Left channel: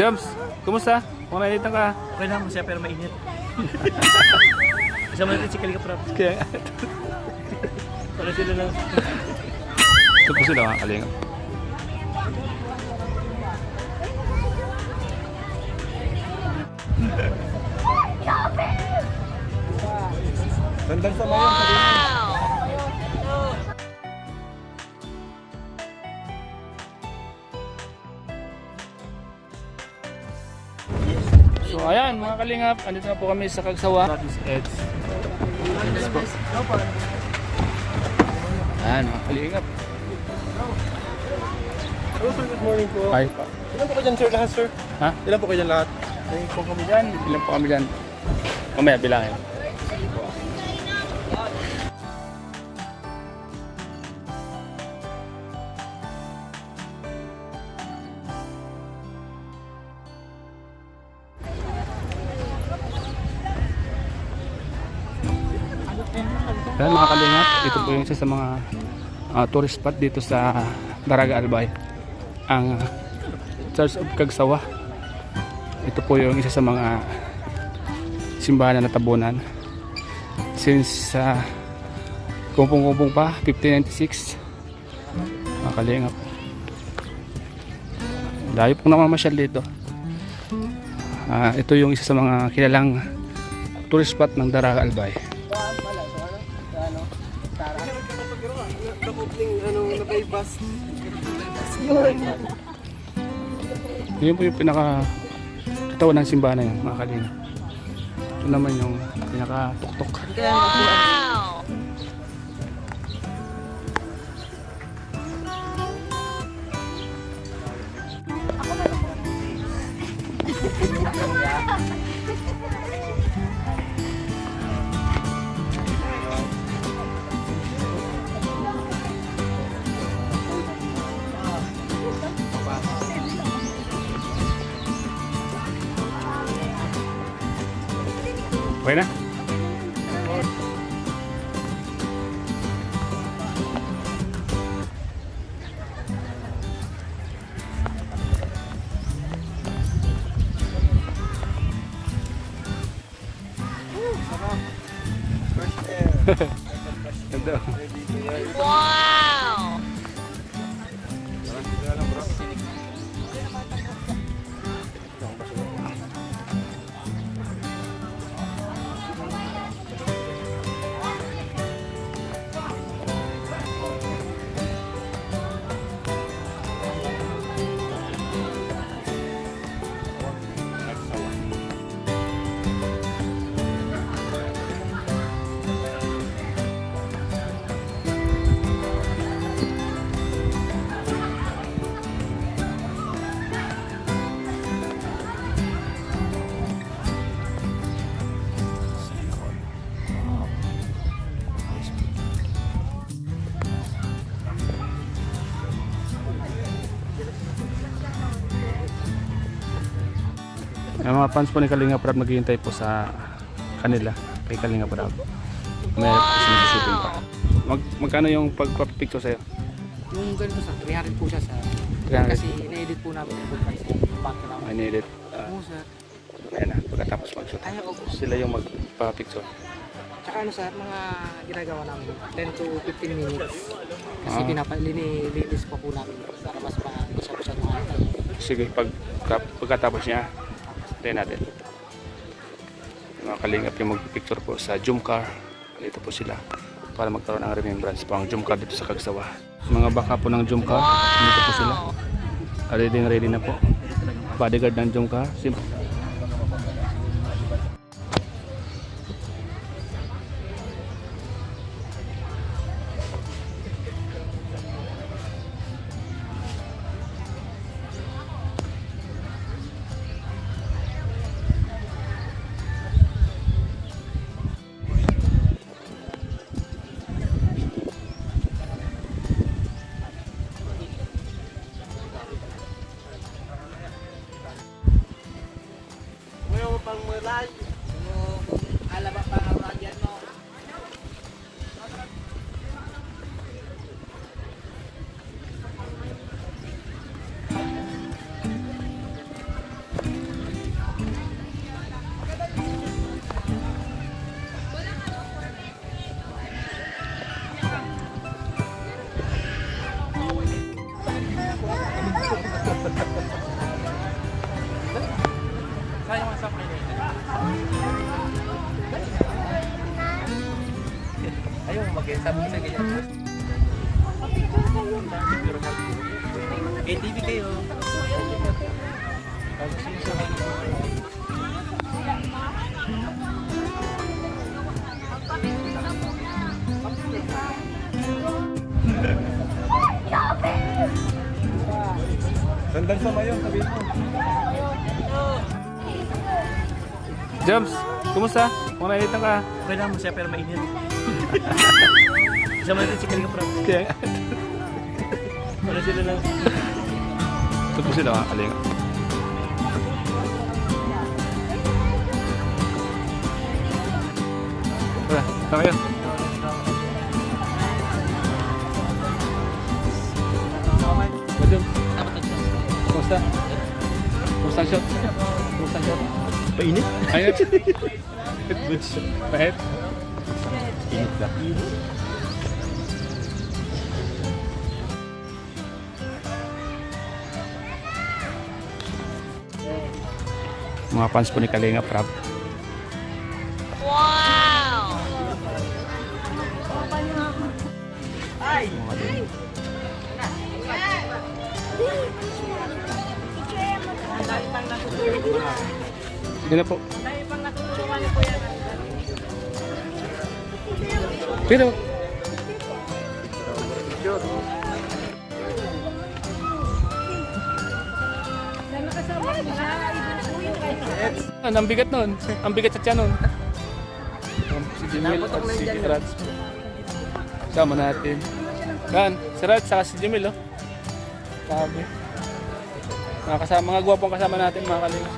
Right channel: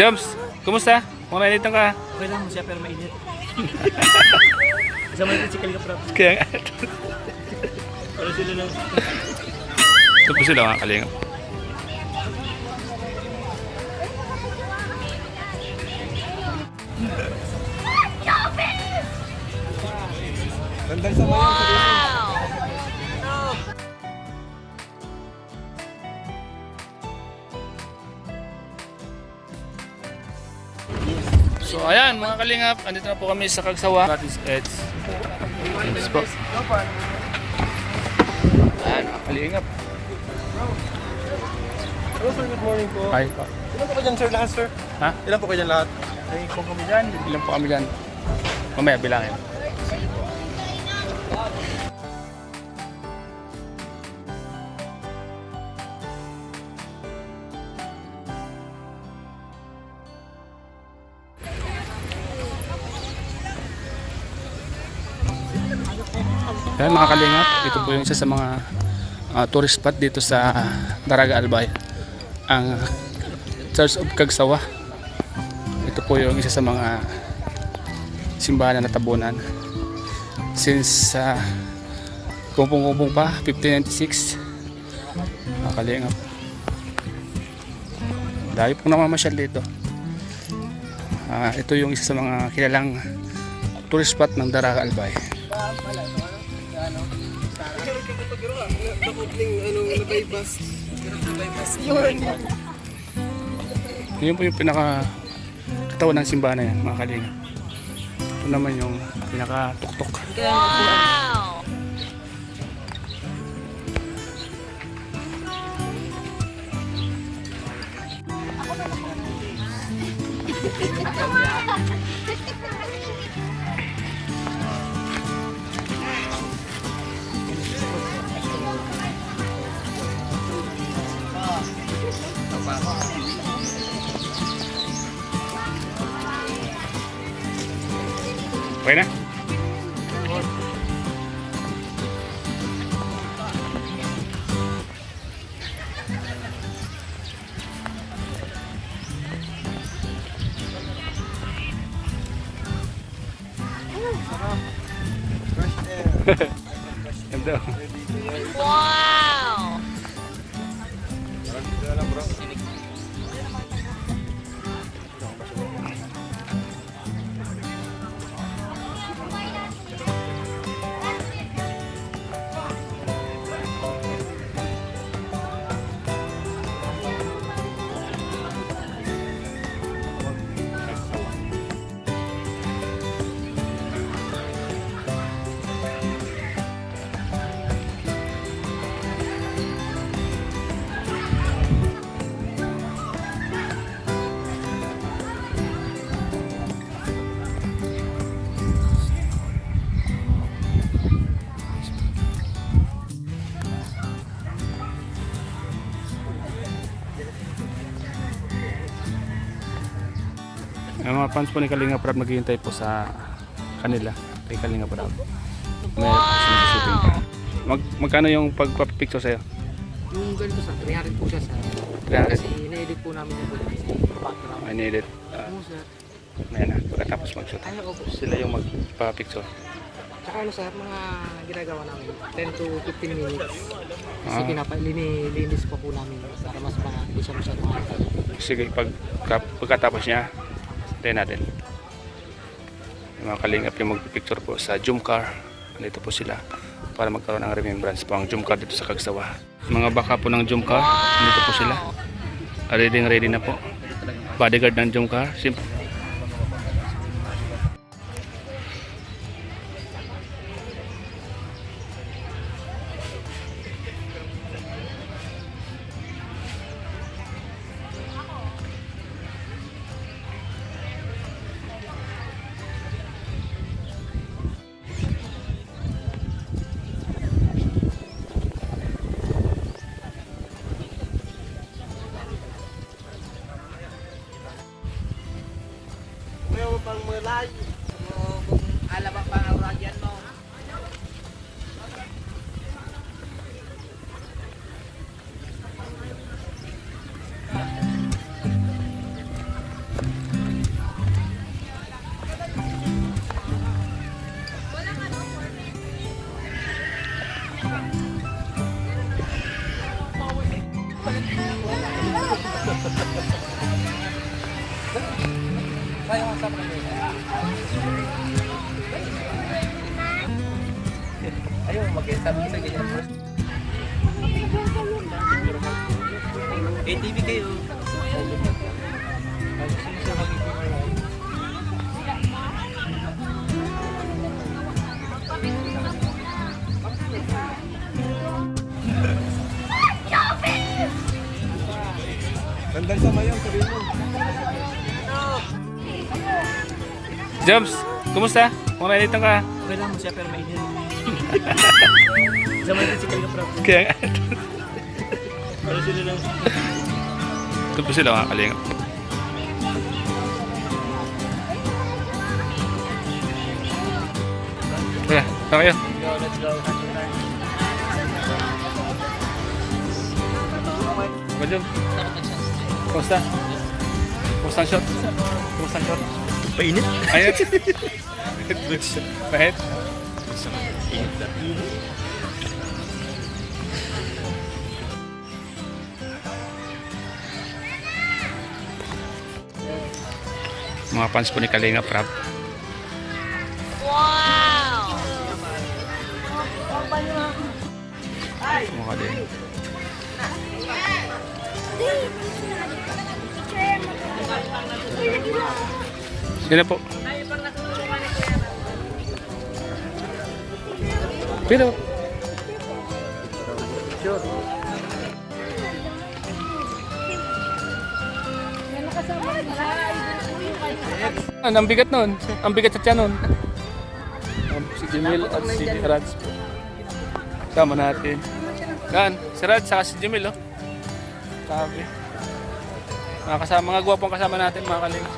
Joms, kumusta? Kung nainit ka? Okay lang mo siya pero mainit. Isa mo si Kalinga Prab. Kaya Wala sila lang. ito po sila mga kalingap. Gandang sa mga sa So ayan mga kalingap, andito na po kami sa Kagsawa. It's ayan mga kalingap. Hello sir, good morning po. Hi pa. Ilan po kayo dyan sir lahat sir? Ha? Ilan po kayo dyan lahat? Ay, kung kami dyan, ilan po kami dyan. Mamaya bilangin. Ayan mga kalingap, ito po yung isa sa mga tourist spot dito sa Daraga Albay, ang Church of Kagsawa. Ito po yung isa sa mga simbahan na natabunan since kumpung-kumpung pa 1596. Mga kalingap, dahil pong namamasyal dito. Ito yung isa sa mga kilalang tourist spot ng Daraga Albay. Yun po yung pinaka katawan ng simbahan na yan mga kalingap. Ito naman yung pinaka tuktok. Wow! Okay na? Ganda. Wow! Ang mga fans po ni Kalinga Prab naghihintay po sa kanila kay Kalinga Prab. May sinusipin pa. Magkano yung pagpapicture sa'yo? Yung ganito sir, 300 po siya sa 300. kasi ina-edit po namin yung background. I need it. Oo sir. Ayan na, pagkatapos mag-shoot. Ay, opo. Sila yung magpapicture. Tsaka ano sir, mga ginagawa namin 10 to 15 minutes. Kasi Ah. linis po namin para mas hindi siya masyadong makakal. Sige, pagkatapos niya, tayo natin. Yung mga kalingap yung magpipicture po sa Zoom car. Dito po sila para magkaroon ng remembrance po ang Zoom car dito sa Kagsawa. Mga baka po ng Zoom car, dito po sila. Ready na po. Bodyguard ng Zoom car. Simple. ATV kayo. Gandang sama yun, sabihin mo. Jobs, kumusta? Kung nalito ka? Okay lang mo siya pero mainit. Zaman din si Kalinga Prab. Kaya nga. Pero sila lang. Ito po sila mga kalingap. Tara, saan kayo? Ba, Jobs? Dapat mag-shot. Kumusta? Kumusta ang shot? Kumusta ang shot? Painit? Ayun. Pahit? Init lang. Mga fans po ni Kalinga Prab. Wow! Mukha din. Sino po? Pero ang bigat nun. Ang bigat sa tiyan nun. Si Jimil at si Raj. Sama natin. Yan, si Raj saka si Jimil, oh. Sabi. Mga gwapong kasama natin, mga kalina.